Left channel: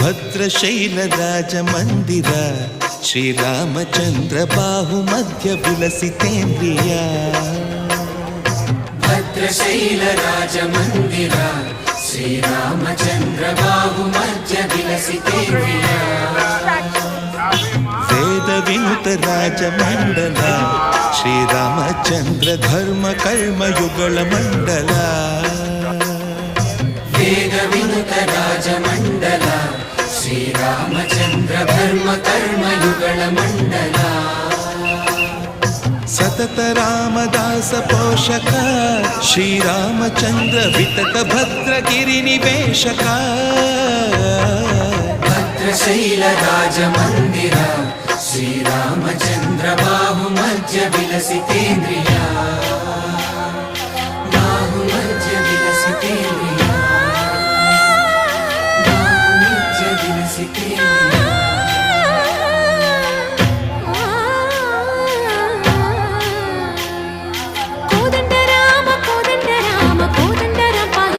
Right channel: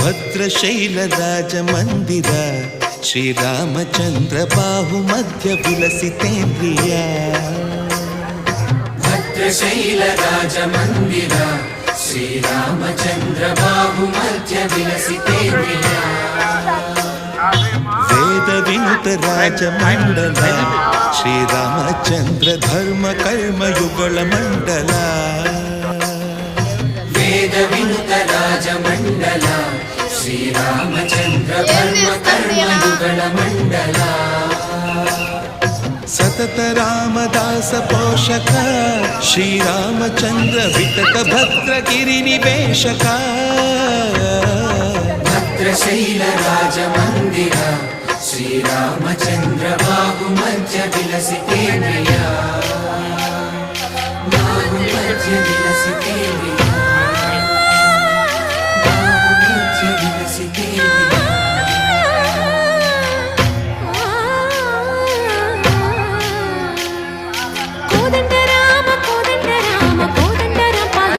ಭದ್ರಶೈಲ ರಾಜ ಮಂದಿರ ಶ್ರೀರಾಮಚಂದ್ರ ಬಾಹು ಮಧ್ಯ ವಿಲಸಿತೇಂದ್ರಿಯ ಭದ್ರಶೈಲ ರಾಜ ಮಂದಿರ ಶ್ರೀರಾಮಚಂದ್ರ ಬಾಹು ಮಧ್ಯ ವಿಲಸಿತೇಂದ್ರಿಯ ವೇದ ವಿನುತ ರಾಜ ಮಂಡಲ ಶ್ರೀರಾಮಚಂದ್ರ ಧರ್ಮ ಕರ್ಮಯುಗಳ ಮಂಡಲ ವೇದ ವಿನುತ ರಾಜ ಮಂಡಲ ಶ್ರೀರಾಮಚಂದ್ರ ಧರ್ಮ ಕರ್ಮಯುಗಳ ಮಂಡಲ ಸತತ ರಾಮದಾಸ ಪೋಷಕ ಶ್ರೀರಾಮಚಂದ್ರ ವಿತತ ಭದ್ರಗಿರಿ ನಿವೇಶಕ ಭದ್ರಶೈಲ ರಾಜ ಮಂದಿರ ಶ್ರೀರಾಮಚಂದ್ರ ಬಾಹು ಮಧ್ಯ ವಿಲಸಿತೇಂದ್ರಿಯ